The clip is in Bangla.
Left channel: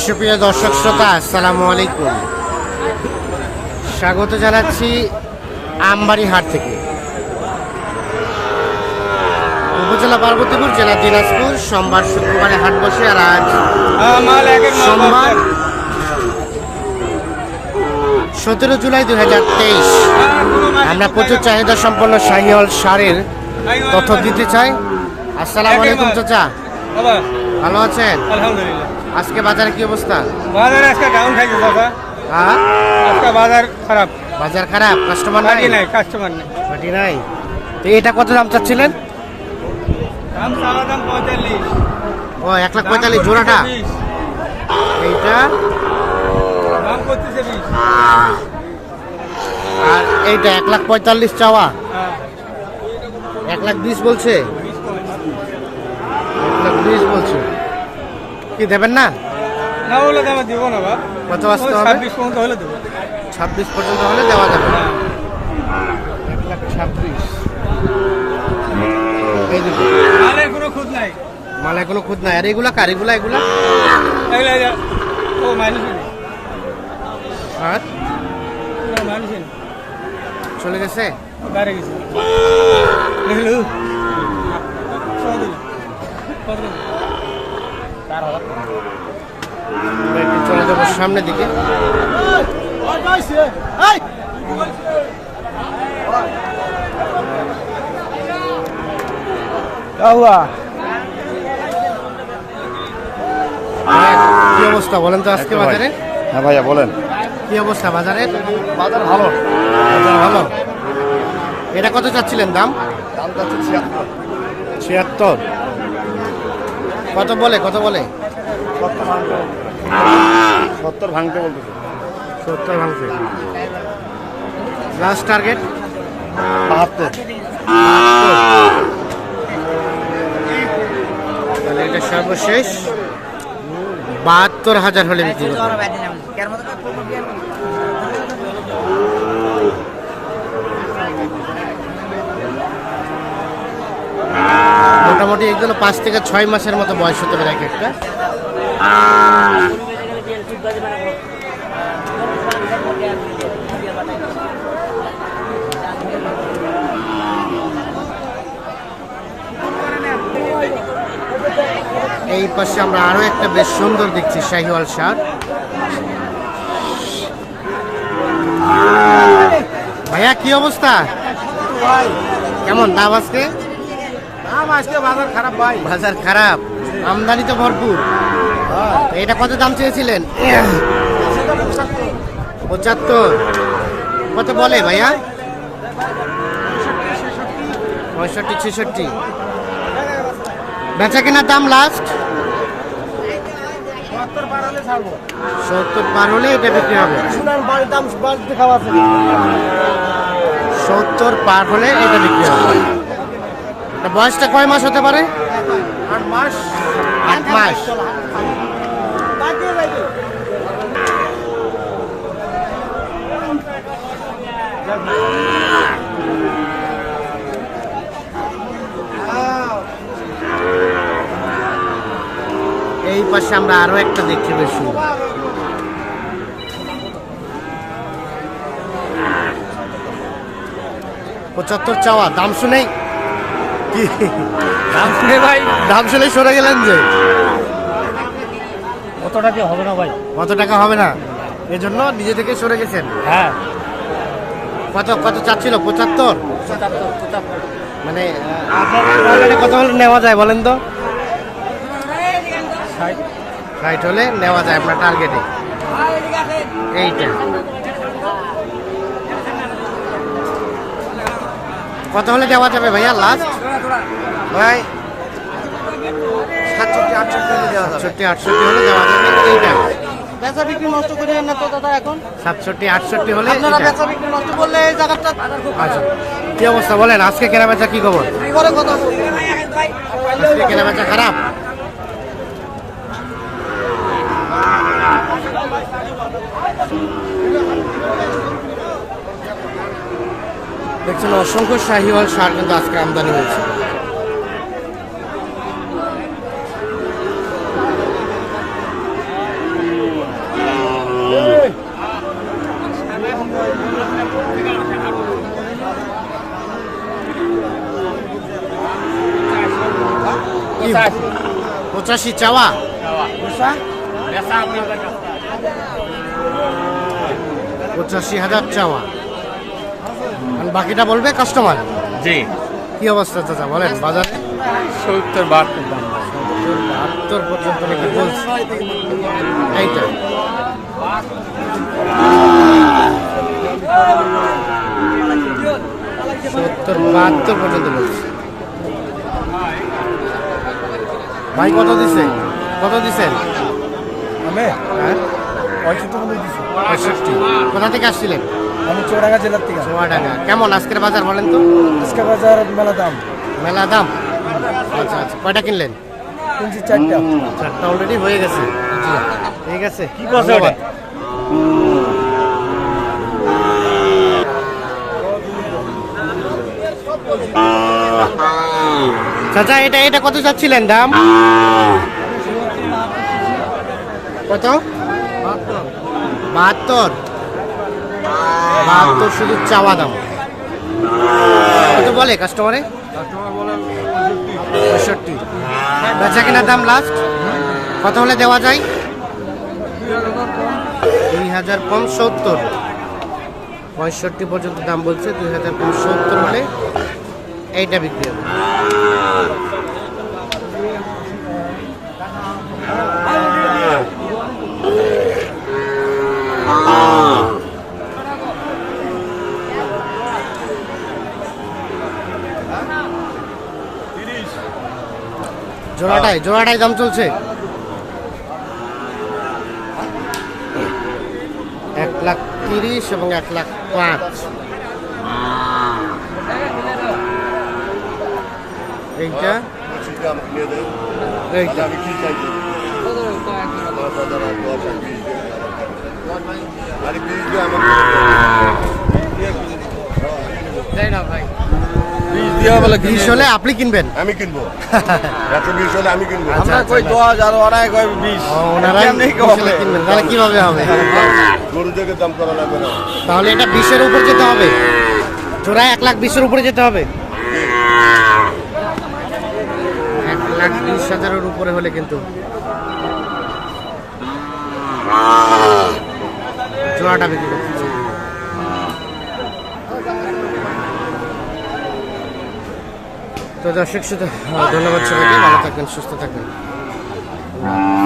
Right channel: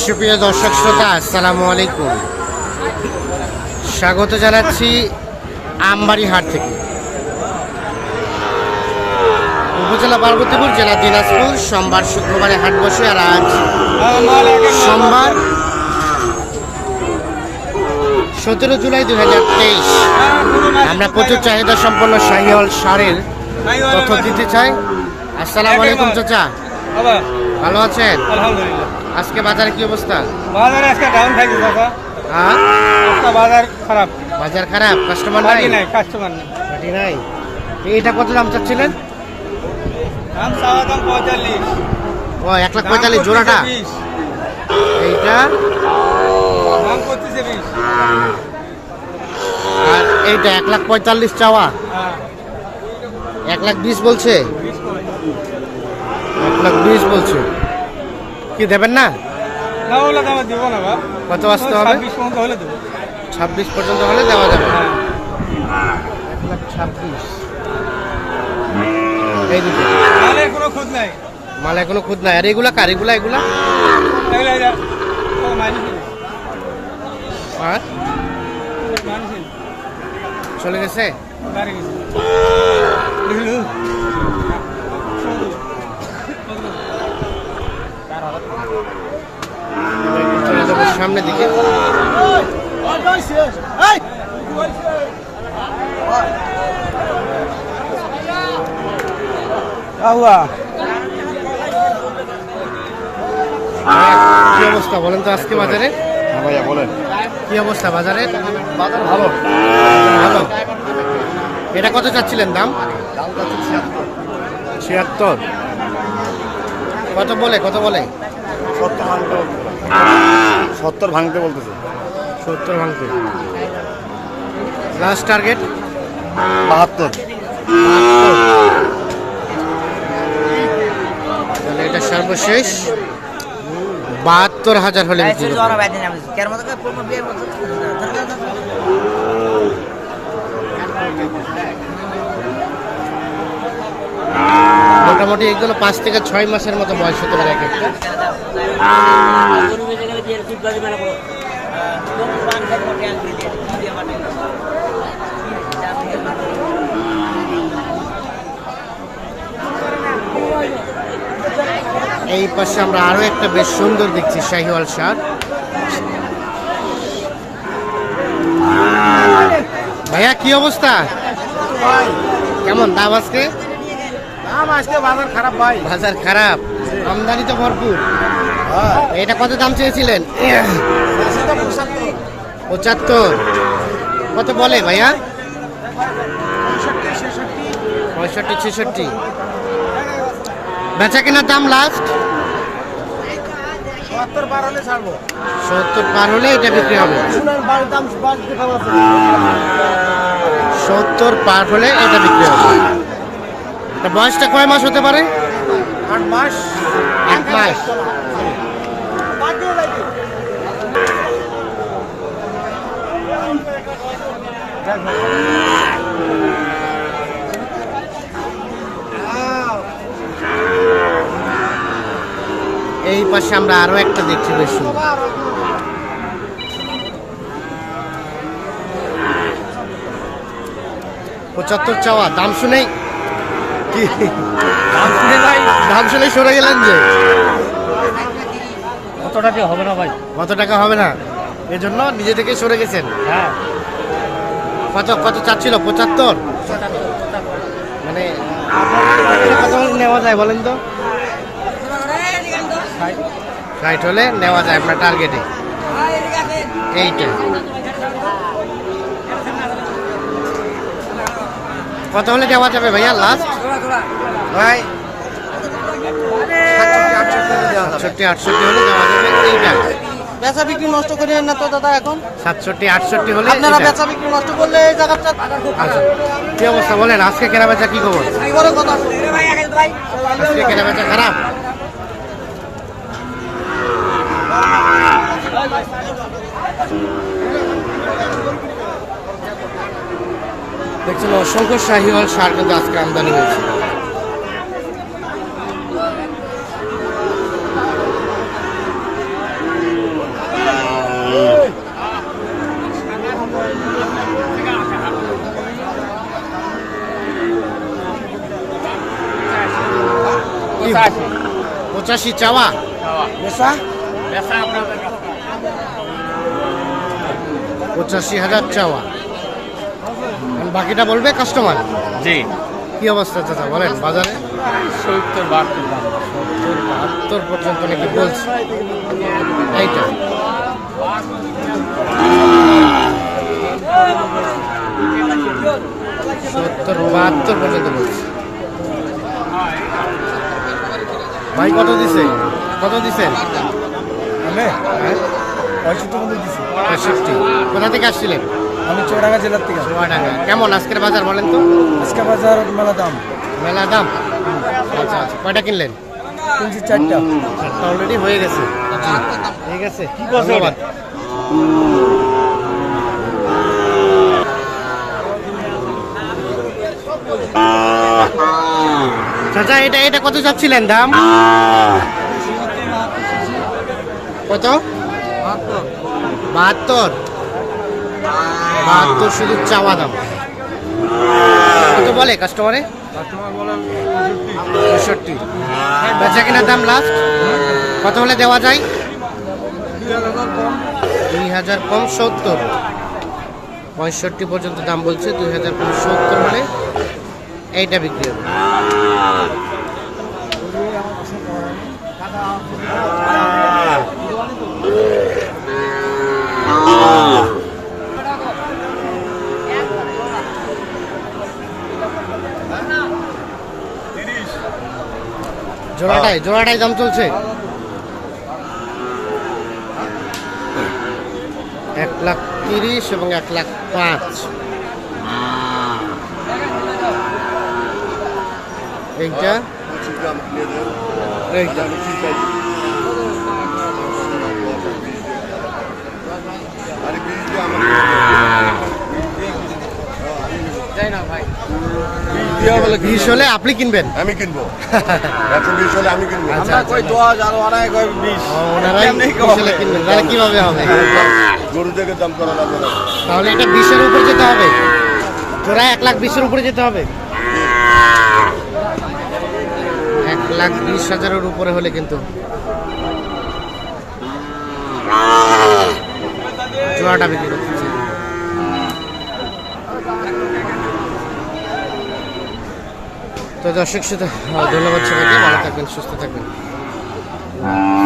সুপ্রিয় দর্শক শ্রোতা, আসসালামু আলাইকুম। স্বাগত জানাচ্ছি আমবাড়ি হাট থেকে। উপজেলা পার্বতীপুর, জেলা দিনাজপুর, সোমবার শুক্রবারে হাট বসে আর আজ সোমবার সতেরো জুলাই দু হাজার তেইশ। আমরা প্রচুর চাহিদা সম্পন্ন শাহিওয়াল সারের তথ্য দিতে চাই। আসসালামু আলাইকুম, চাচা। বাবা। ভালো আছেন? আলহামদুলিল্লাহ। আজকে বাজারে কি অবস্থা? বাজার আজকে ডাউন থাকবে দাদা হ্যাঁ? আজকে বাজার খারাপ। বাজার খারাপ? কাস্টমার নাই? নাই কাস্টমার নেই। পার্টি নাই। তো এটা কত দাম চাচ্ছিলেন? দাম চাওয়া দাম পঁয়তাল্লিশ। ও এক লাখ পঁয়তাল্লিশ জোড়াটা? এইটা? আর এইটা এক লাখ পঁয়তাল্লিশ চাওয়া? হ্যাঁ। এক লাখ বিশ বলছে? লাখ বিশ বলছে। কি দেবেন না? না ওগুলো দাম দিব না বা কত আসতে হবে? ছাব্বিশ পর্যন্ত হলে দেবো। ছাব্বিশ পর্যন্ত হলে দেওয়া যাবে। হ্যাঁ। এক লাখ ছাব্বিশ। এই নাহলে কোনো খুঁজ নাই। মাল এখনও খুদ নাই। আর এগুলা কার? এগুলা এগুলা? আর? চলে গেছে? চলে যাব সামনের দিকে কি অবস্থা বলেন তো আজকে বাজারে? হ্যাঁ ভাইয়া বলেন। কি অবস্থা বাজারে? বাজার ভালো। ভালো? এটা কত চাচ্ছিলেন দাম? দাম যাচ্ছে ছিয়াত্তর। ছিয়াত্তর? কত বলে কত বলে। সত্তর ভাঙতে বলতেছে। সত্তর ভাঙতে। লাস্ট টার্গেট বাহাত্তর। তাহলে এটা সর্বশেষ। বাহাত্তর হাজার হলে বিক্রি করবে মোটামুটি এগুলো পাঁচ থেকে ছয় মাসের মতো বয়স হতে পারে এক একটা। এই পাশে আমরা আরও একটা বেশ সুন্দর দেখছি শাহিওয়াল সার ভাইয়া কি অবস্থা? কেমন? দাম আজকে? দাম আজকে বাজার খারাপ ভাই। বাজার খারাপ? আমদানি তো ভরপুর। এটা কত দাম চেয়েছিলেন? পঁচাত্তর। কত বলে ভাইয়া? পঁয়ষট্টি ছেষট্টি। বেচা কেনার দাম লাস্ট সত্তর পার হলে ছাড়বো। সত্তর পার হলে এটা বিক্রি হবে। সত্তর পার হলে এটা বিক্রি হবে। বয়সটা কয় মাস হতে পারে? আট মাস। আট মাস। এই পাশে আমরা আরও একটা দেখছি বেশ সুন্দর। পঁচাত্তর চাওয়া দাম শুনেই কি? দাম সরে গেলেন যে। কত টাকা হবে না ভাই? কত টাকা হবে না? এজন্য নিজে থেকে সরে গেছেন। হ্যাঁ। কত কত চাচ্ছিল? পঁচাত্তর? মানে কত হলে নেওয়া যায় বলেন তো? ষাট। হলে নেওয়া যায় আপনার টার্গেটে এইটা। কত হলে দেওয়া যাবে ভাইয়া লাস্ট ভাই সাতষট্টি আটষট্টি হলে দেওয়া যাবে। সাতষট্টি আটষট্টি হলে দেওয়া যাবে এইটা। বেচা বিক্রি নষ্ট করে না তো দাদা এখন? সাতষট্টি আটষট্টি হলে বেচা বিক্রি নষ্ট করলে জায়গাটা আচ্ছা কি অবস্থা বলেন আজকে কেনা বেচা কি খবর? আজকে কেনা বেচা খারাপ? দেখছেন অসংখ্য শাহিওয়াল সার কিন্তু আজকে আমদানি হয়েছে। পঁচাশি চাওয়া? পঁচাশি হাজার চাওয়া। বাকিটা বলবে কাস্টমার জি। কি অবস্থা চাচা বলেন বাজারে? সত্তর বাহাত্তর দাম সত্তর বাহাত্তর পর্যন্ত নাকি বলছে। এইটা। সত্তর বাহাত্তর পর্যন্ত বলছে। ভাই কত দিছে? কত দিছেন আমি? হ্যাঁ? পঁয়ষট্টি দিছি। পঁয়ষট্টি। কোথা থেকে আসছিলেন? আমি চৌরাঙ্গা জেলার থেকে চুয়াডাঙ্গা কেমন আজকের বাজার বলেন তো? আজকে বাজার মেলা দাম। মেলা দাম? আচ্ছা আচ্ছা। কয়টা কিনলেন? কিনছি চারটা। চারটা অলরেডি হয়ে গেছে। ঠিক আছে। ধন্যবাদ। চাচা এটা এটা কত যাচ্ছিলেন দাম? কত? বাহাত্তর। বাহাত্তর শুধু চাওয়া দাম কত বলে কাস্টমারে পঁয়ষট্টি। বেচা কেনার দাম লাস্ট কত হলে দেওয়া যায়? দুই হাজার কম সত্তর পঁয়ষট্টি পর্যন্ত দাম বলছে, দুই হাজার কম সত্তর হলে এইটা বিক্রি হবে। জোড়াটাই জোড়াটাই দাম চলছে। এক লাখ তিরিশ এবং এক লাখ পাঁচ। এইটা? হলে আপনি কিনবেন। আমি কিনবো। এত বিশ হলে আমি কিনবো। আচ্ছা আচ্ছা ওনারাই হলে কিনবেন তাহলে কীভাবে হবে? গরু থেকে দাম করা লাগবে না। তাহলে এটা বিশের উপর যেতে হবে। জোড়া এক লাখ বিশের উপরে যেতে হবে। এক লাখ বিশ হাজারের উপরে হলে কিন্তু। জোড়াটা বিক্রি করতেছে তো দর্শক সাথে ধন্যবাদ সবাইকে। ভালো থাকবেন সুস্থ থাকবেন। হ্যাঁ।